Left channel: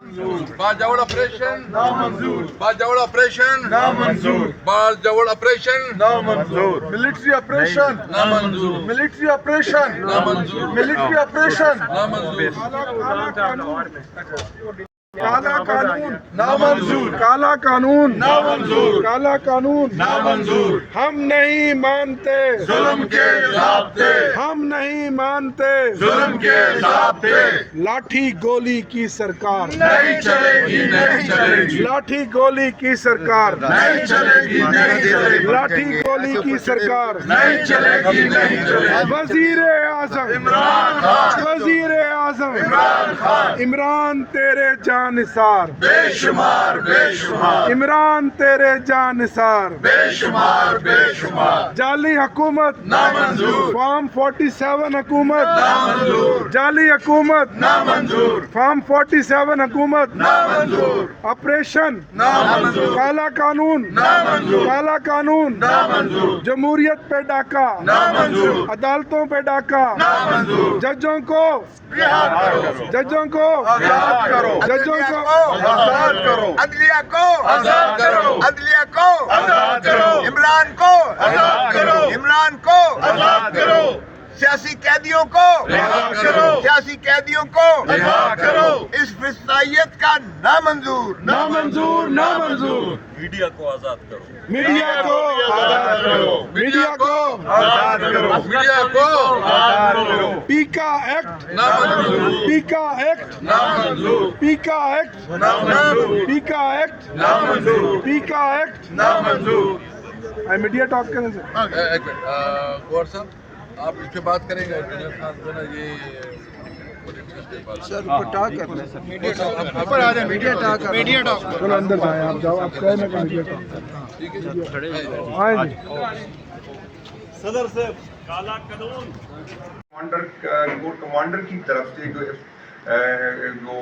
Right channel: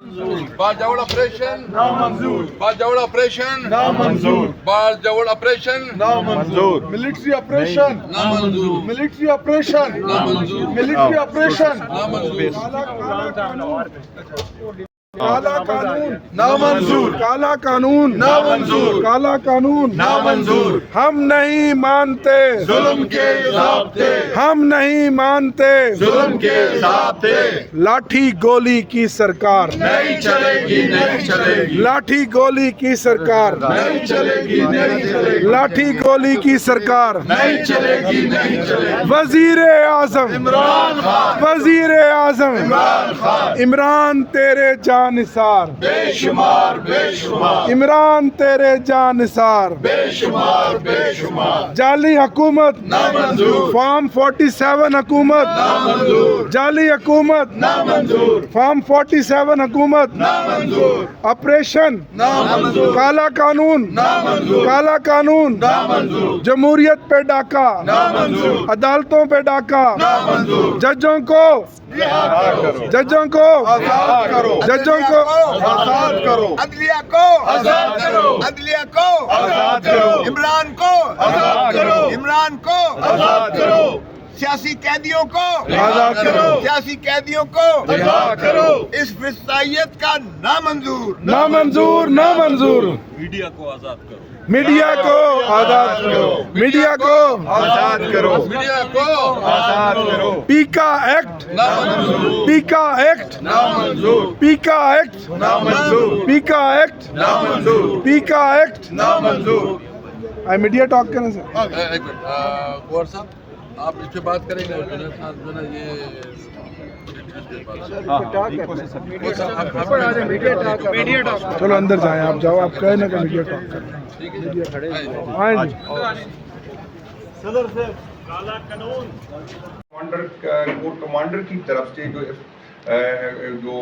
Bajaur operation نامنظور Bajaur operation نامنظور Bajaur operation نامنظور ملٹری آپریشن نامنظور ملٹری آپریشن نامنظور ملٹری آپریشن نامنظور کالا قانون نامنظور کالا قانون نامنظور کالا قانون نامنظور ہم نہیں مانتے ظلم کے ضابطے ہم نہیں مانتے ظلم کے ضابطے لاٹھی گولی کی سرکار نہیں چلے گی نہیں چلے گی لاٹھی گولی کی سرکار نہیں چلے گی نہیں چلے گی لاٹھی گولی کی سرکار نہیں چلے گی نہیں چلے گی وزیر اعظم عمران خان وزیر اعظم عمران خان عمران تیرے جانثار بے شمار بے شمار عمران تیرے جانثار بے شمار بے شمار جعلی حکومت نامنظور فارم 47 حکومت نامنظور جعلی حکومت نامنظور فارم 47 حکومت نامنظور آپریشن نامنظور کالا قانون نامنظور کالا قانون نامنظور جمہوریت پہ ڈاکہ نامنظور عدالتوں پہ ڈاکہ نامنظور ججوں کو ججوں کو آزاد کرو ججوں کو آزاد کرو عدلیہ کو آزاد کرو عدلیہ کو آزاد کرو عمران کو آزاد کرو عمران کو آزاد کرو سیاسی قیدیوں کو آزاد کرو سیاسی قیدیوں کو آزاد کرو اس فسطائیت کا نامنظور نامنظور نامنظور میڈیا کو آزاد کرو میڈیا کو آزاد کرو میڈیا کو آزاد کرو میڈیا کو آزاد کرو پیکا ایکٹ نامنظور پیکا ایکٹ نامنظور پیکا ایکٹ نامنظور پیکا ایکٹ نامنظور پیکا ایکٹ نامنظور میڈیا ٹاک کریں سے ایک منٹ گور صاحب آپ اس پہ بات کریں گے جنید خان جو ہے نا یہ چلو اندر جائیں آپ جاؤ آپ کہیں نا کہ میڈیا ٹاک کریں آئیں جی کمانڈر کی طرف سے جو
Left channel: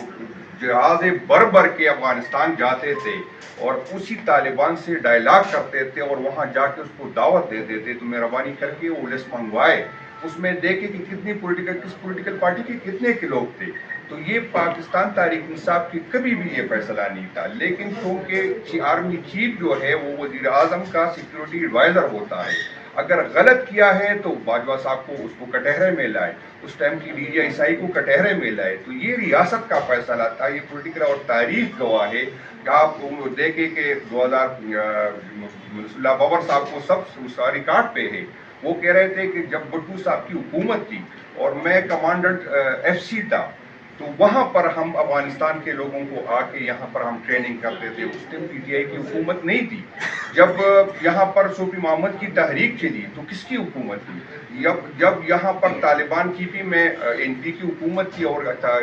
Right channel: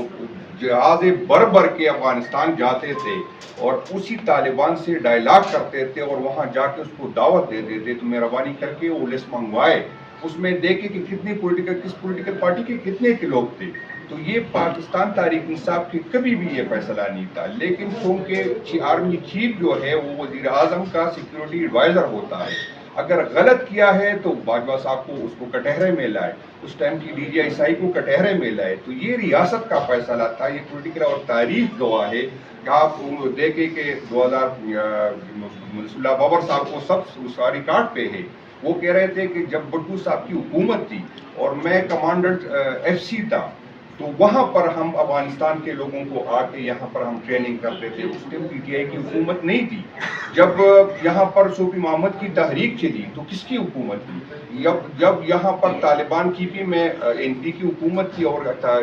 جہاز بر بر کے افغانستان جاتے تھے اور اسی طالبان سے ڈائلاگ کرتے تھے اور وہاں جا کے اس کو دعوت دیتے تھے تو مہربانی کر کے وہ لسٹ منگوائے اس میں دیکھے کہ کس پولیٹیکل پارٹی کے کتنے کے لوگ تھے تو یہ پاکستان تحریک انصاف کی کبھی بھی یہ فیصلہ نہیں تھا لیکن چونکہ آرمی چیف جو ہے وہ وزیر اعظم کا سیکیورٹی ایڈوائزر ہوتا ہے اگر غلط کیا ہے تو باجوہ صاحب کو اس کو کٹہرے میں لائے اس ٹائم کی ڈی جی آئی سائی کو کٹہرے میں لائے تو یہ ریاست کا فیصلہ تھا یہ پولیٹیکل اور تاریخ گواہ ہے کہ آپ دیکھیں کہ 2000 منصور اللہ بابر صاحب کو سب ریکارڈ پہ ہے وہ کہہ رہے تھے کہ جب بٹو صاحب کی حکومت تھی اور میں کمانڈنٹ ایف سی تھا تو وہاں پر ہم افغانستان کے لوگوں کو آ کے یہاں پر ہم ٹریننگ کرتے تھے اس ٹائم پی ٹی آئی کی حکومت نہیں تھی جب یہاں پر صوفی محمد کی تحریک چلی تو کس کی حکومت تھی جب یہاں پر طالبان کی بھی میں این پی کی حکومت تھی اور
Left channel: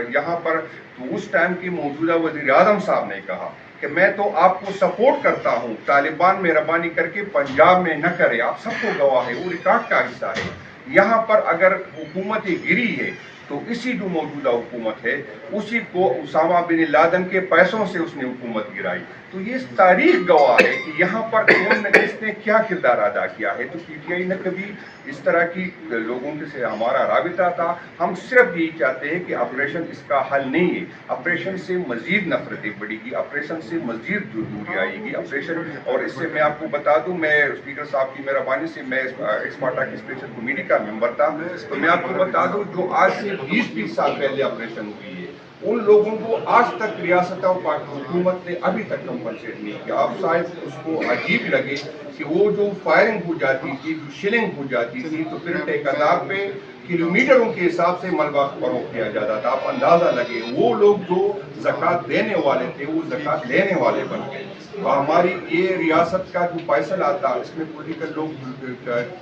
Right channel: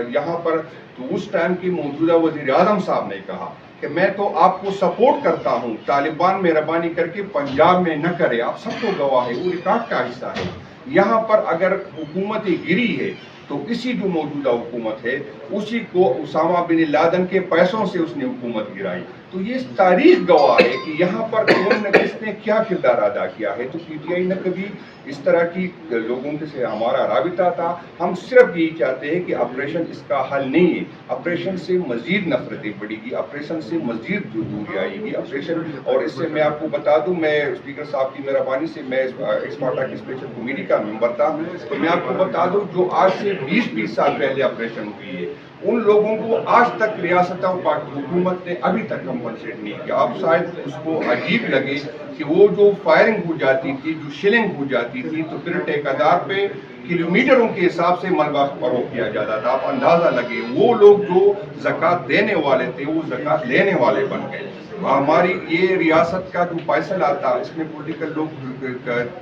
یہاں پر تو اس ٹائم کے موجودہ وزیر اعظم صاحب نے کہا کہ میں تو آپ کو سپورٹ کرتا ہوں طالبان مہربانی کر کے پنجاب میں نہ کرے آپ سب کو گواہ ہے وہ ریکارڈ کا حصہ ہے یہاں پر اگر حکومت گری ہے تو اسی جو موجودہ حکومت ہے اسی کو اسامہ بن لادن کے پیسوں سے اس نے حکومت گرائی تو یہ تاریخ گواہ ہے کہ یہاں پر کون کس نے کیا کردار ادا کیا ہے تو پی ٹی آئی نے کبھی اس طرح کی لوگوں سے ہمارا رابطہ تھا ہم صرف یہی چاہتے ہیں کہ آپریشن اس کا حل نہیں ہے آپریشن سے مزید نفرتیں بڑھے گی آپریشن سے مزید دوری آئے گی آپریشن اور اس سے میں آپ کو بتا دوں میں اسپیکر صاحب کی مہربانی سے میں ایکسماٹا کی اسپیشل کمیٹی کا ممبر تھا تو میں آپ کو بتا دوں جو آج سے 20 سال پہلے آپریشن ہوئی ہے ان لوگوں کو آج تک ریاست اور حکومت نے ابھی تک کمپنسیٹ نہیں کیا اب شاید اس کو عجیب لگے کہ وہ جو فائرنگ ہو جاتی تھی جو شلنگ ہو جاتی تھی تو پھر ٹھیکیدار پہ کلومیٹروں کے حساب سے ملبہ فروخت کیا جاتا تھا آپ اندازہ لگے وہ لوگ جو زکوٰۃ دینے والے تھے وہ زکوٰۃ لینے والے بن گئے ہماری یہ ریاست کا جو فیصلہ تھا اس میں پولیٹیکل لوگ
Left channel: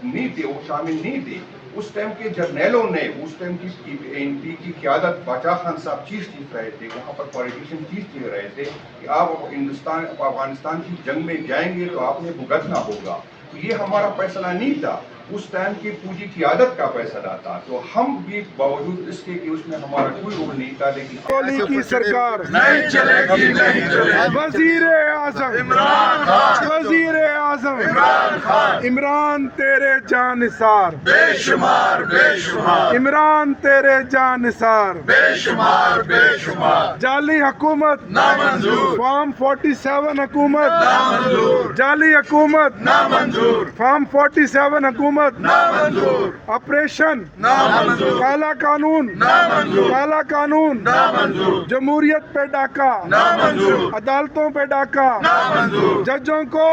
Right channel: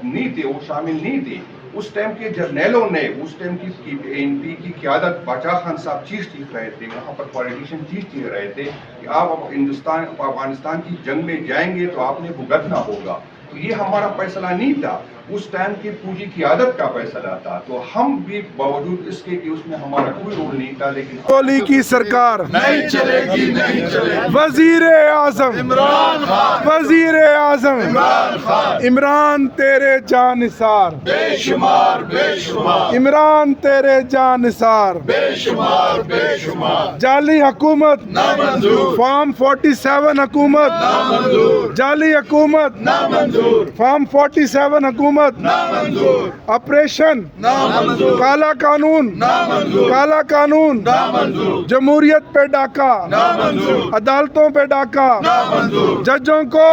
نہیں تھے وہ شامل نہیں تھے اس ٹائم کے جرنیلوں نے اس ٹائم کی این پی کی قیادت باچا خان صاحب چیف رہے تھے وہاں پر پولیٹیشین چیف رہے تھے کہ آپ افغانستان کی جنگ میں جائیں گے تو آپ نے بھگتنا ہوگا تو یہ ہمارا فیصلہ نہیں تھا اس ٹائم کی پوجی قیادت کا فیصلہ تھا. تو ہم بھی باوجود اس کے کہ اس میں ہمارا کوئی رول نہیں تھا, لیکن کوہلی کی سرکار نہیں چلے گی, نہیں چلے گی. وزیر اعظم عمران خان, وزیر اعظم عمران خان, عمران تیرے جان نثار, بے شمار بے شمار, عمران تیرے جان نثار. بے شمار بے شمار. جعلی حکومت نامنظور, فارم 47 حکومت نامنظور, جعلی حکومت نامنظور, فارم 47 حکومت نامنظور, آپریشن نامنظور, کالا قانون نامنظور, کالا قانون نامنظور, جمہوریت پہ ڈاکہ نامنظور, عدالتوں پہ ڈاکہ نامنظور. ججوں کو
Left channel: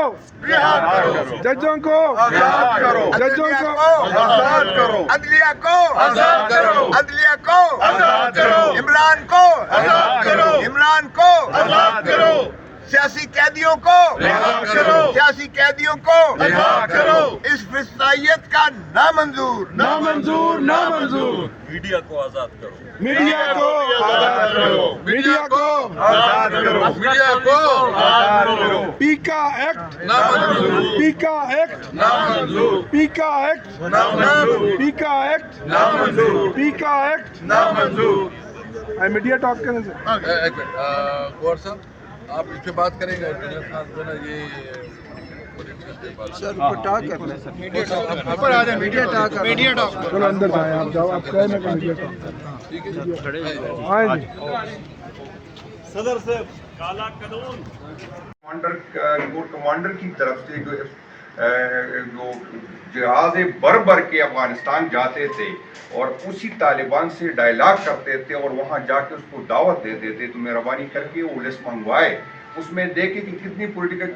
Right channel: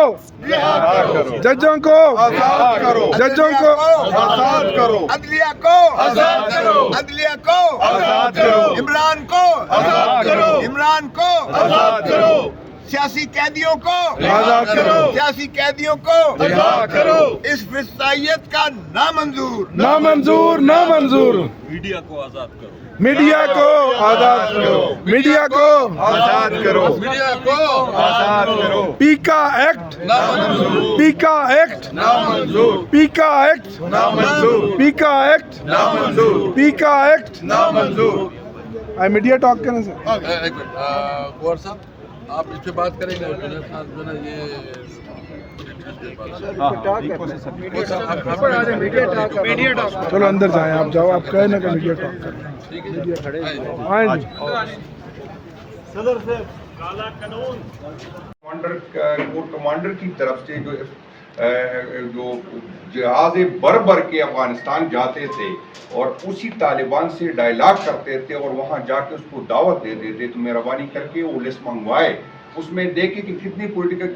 رہا کرو, ججوں کو آزاد کرو, ججوں کو آزاد کرو, عدلیہ کو آزاد کرو, عدلیہ کو آزاد کرو, عمران کو آزاد کرو, عمران کو آزاد کرو, سیاسی قیدیوں کو رہا کرو, سیاسی قیدیوں کو رہا کرو. اس فسطائیت کا نامنظور. نامنظور نامنظور. میڈیا کو آزاد کرو, میڈیا کو آزاد کرو, میڈیا کو آزاد کرو, میڈیا کو آزاد کرو. پیکا ایکٹ نامنظور, پیکا ایکٹ نامنظور, پیکا ایکٹ نامنظور, پیکا ایکٹ نامنظور, پیکا ایکٹ. نامنظور. میڈیا ٹاک کرنے سے ایک منٹ, گور صاحب آپ اس پہ بات کریں گے. جنید خان جو ہے نا یہ چلو اندر جائیں, آپ جاؤ, آپ کہیں نا کہ میڈیا ٹاک کر آئیں جی. کمانڈر کی طرف سے جو جہاز بر کے افغانستان جاتے تھے اور اسی طالبان سے ڈائلاگ کرتے تھے اور وہاں جا کے اس کو دعوت دیتے تھے, تو مہربانی کر کے وہ لسٹ منگوائے, اس میں دیکھے کہ کتنی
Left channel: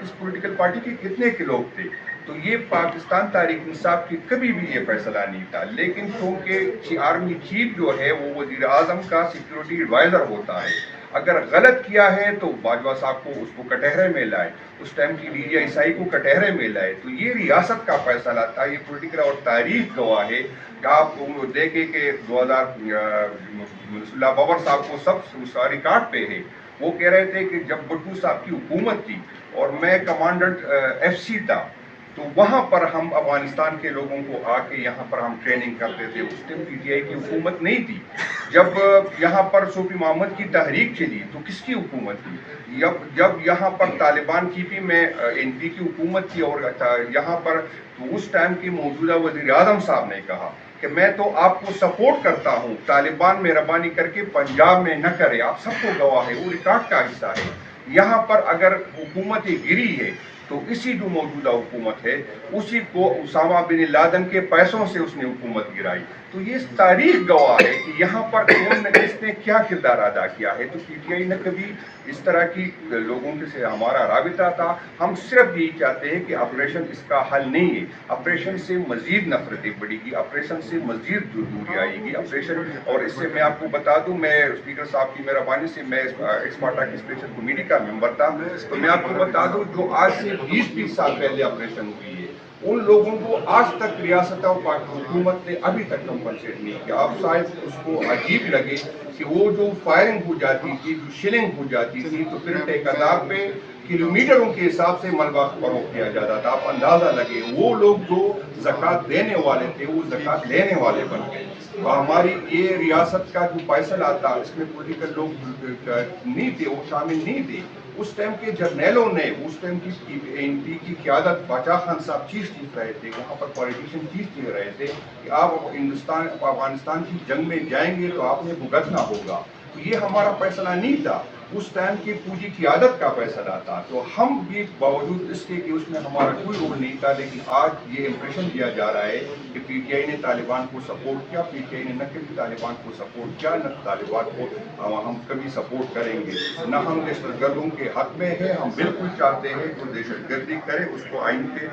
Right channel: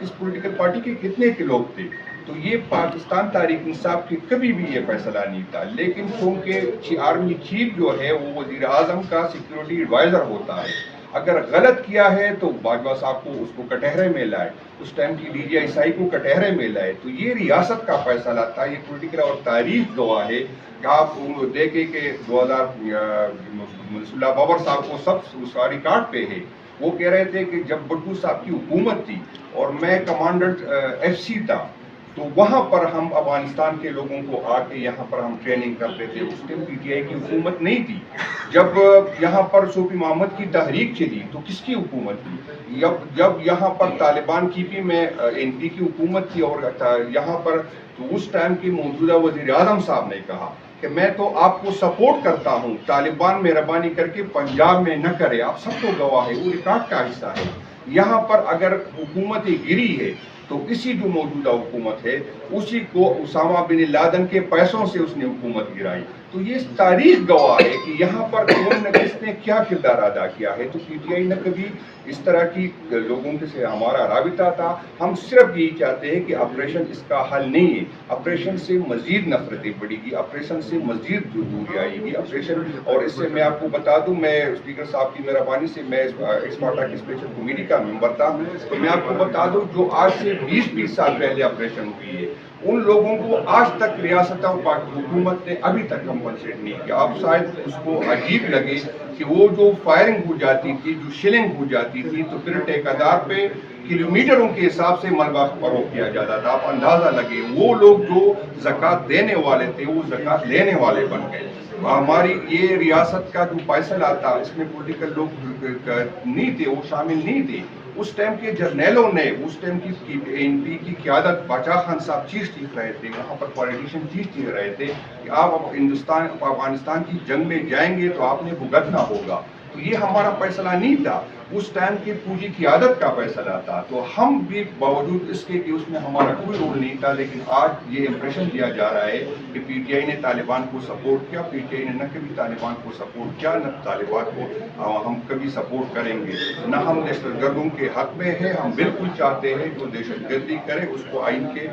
کس پولیٹیکل پارٹی کے کتنے کے لوگ تھے. تو یہ پاکستان تحریک انصاف کی کبھی بھی یہ فیصلہ نہیں تھا, لیکن چونکہ آرمی چیف جو ہے وہ وزیر اعظم کا سیکیورٹی ایڈوائزر ہوتا ہے, اگر غلط کیا ہے تو باجوہ صاحب کو اس کو کٹہرے میں لائے, اس ٹائم کی ڈی جی آئی سائی کو کٹہرے میں لائے. تو یہ ریاست کا فیصلہ تھا, یہ پولیٹیکل اور تاریخ گواہ ہے. آپ دیکھیں کہ 2000 بابر صاحب کو سب ساری ریکارڈ پہ ہے, وہ کہہ رہے تھے کہ جب بٹو صاحب کی حکومت تھی اور میں کمانڈنٹ ایف سی تھا, تو وہاں پر ہم افغانستان کے لوگوں کو آ کے یہاں پر ہم ٹریننگ کرتے تھے. اس ٹائم پی ٹی آئی کی حکومت نہیں تھی. جب یہاں پر صوفی محمد کی تحریک چلی تو کس کی حکومت تھی؟ جب یہاں پر طالبان کی بھی میں این پی کی حکومت تھی, اور یہاں پر تو اس ٹائم کے موجودہ وزیر اعظم صاحب نے کہا کہ میں تو آپ کو سپورٹ کرتا ہوں, طالبان مہربانی کر کے پنجاب میں نہ کرے. آپ سب کو گواہ ہے, وہ ریکارڈ کا حصہ ہے. یہاں پر اگر حکومت گری ہے تو اسی جو موجودہ حکومت ہے اسی کو اسامہ بن لادن کے پیسوں سے اس نے حکومت گرائی. تو یہ تاریخ گواہ ہے کہ یہاں پر کون نے کس نے کیا کردار ادا کیا ہے. تو پی ٹی آئی نے کبھی اس طرح کی لوگوں کے سے ہمارا رابطہ تھا. ہم صرف یہی چاہتے ہیں کہ آپریشن اس کا حل نہیں ہے, آپریشن سے مزید نفرتیں بڑھے گی, آپریشن سے مزید دوری آئے گی. آپریشن, اور اس سے میں آپ کو بتا دوں, میں اسپیکر صاحب کی مہربانی سے میں ایکسپارٹا کی اسپیشل کمیٹی کا ممبر تھا, تو میں آپ کو بتا دوں جو آج سے 20 سال پہلے آپریشن ہوئی ہے, ان لوگوں کو آج تک ریاست اور حکومت نے ابھی تک کمپنسیٹ نہیں کیا. آپ شاید اس کو عجیب لگے کہ وہ جو فائرنگ ہو جاتی تھی, جو شلنگ ہو جاتی تھی, تو پھر ٹھیکیدار پہ کلومیٹروں کے حساب سے ملبہ فروخت کیا جاتا تھا. آپ اندازہ لگے وہ لوگ جو زکوٰۃ دینے والے تھے وہ زکوٰۃ لینے والے بن گئے. ہماری یہ ریاست کا جو فیصلہ تھا اس میں پولیٹیکل لوگ نہیں تھے, وہ شامل نہیں تھے. اس ٹائم کے جرنیلوں نے, اس ٹائم کی این پی کی قیادت باچا خان صاحب چیف رہے تھے, وہاں پر پولیٹیشین چیف رہے تھے کہ آپ افغانستان کی جنگ میں جائیں گے تو آپ نے بھگتنا ہوگا. تو یہ ہمارا فیصلہ نہیں تھا, اس ٹائم کی پوجی قیادت کا فیصلہ تھا. تو ہم بھی باوجود اس کے کہ اس میں ہمارا کوئی رول نہیں تھا, لیکن آج یہ امپریشن دیا جا رہا ہے کہ پی ٹی آئی نے طالبان کو سپورٹ کیا. پی ٹی آئی نے نہ کبھی طالبان کو سپورٹ کیا, نہ طالبان کو ہم کبھی سپورٹ کریں گے, نہ ہم دہشت گردوں کے حق میں ہے. ہم بالکل چاہتے ہیں کہ دہشت گردی کرے اس کو آئین کے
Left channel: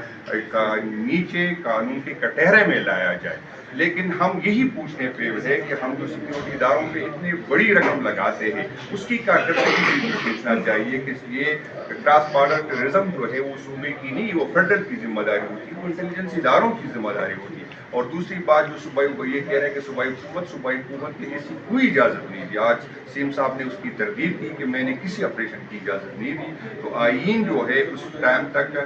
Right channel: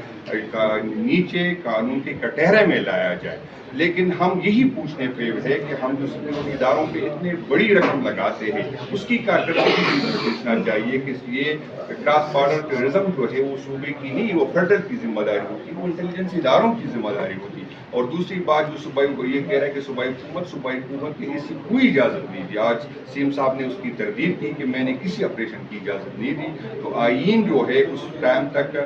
نیچے قانون کے کٹہرے میں لایا جائے. لیکن ہم یہی پوچھنے پہ ہے کہ ہم جو سیکورٹی اداروں پہ اتنی بڑی رقم لگاتے ہیں اس کی کارکردگی بھی دیکھنا چاہیے کہ یہ کراس بارڈر ٹیررزم جو ہے وہ صوبے کی نہیں, وہ فیڈرل کی ذمہ داری ہوتی ہے, وہ انٹیلیجنس اداروں کی ذمہ داری ہوتی ہے. اور دوسری بات جو صوبائی یہ کہہ رہے ہیں کہ صوبائی حکومت کی ایسی کوئی اجازت نہیں تھی. آج سیم صاحب نے اس کی تردید کی کہ میں نے کسی آپریشن کی اجازت نہیں دی. تو آئین جو ہے اس ٹائم تک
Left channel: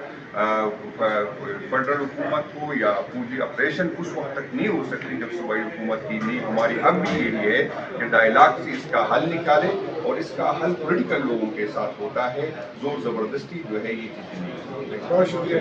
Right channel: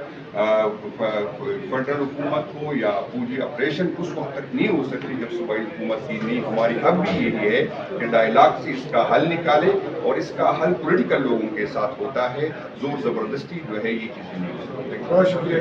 فیڈرل حکومت کو یا پوری آپریشن اس وقت تک نہیں ہو سکتی جب صوبائی حکومت کی نہیں. ہماری اب بھی یہی ہے کہ ڈائلاگ سے اس کا حل نکالے اور اس کا حل پولیٹیکل لوگوں کے ساتھ ہوتا ہے. زور زبردستی جو ہے یہ چیزیں نہیں. بہت شکریہ.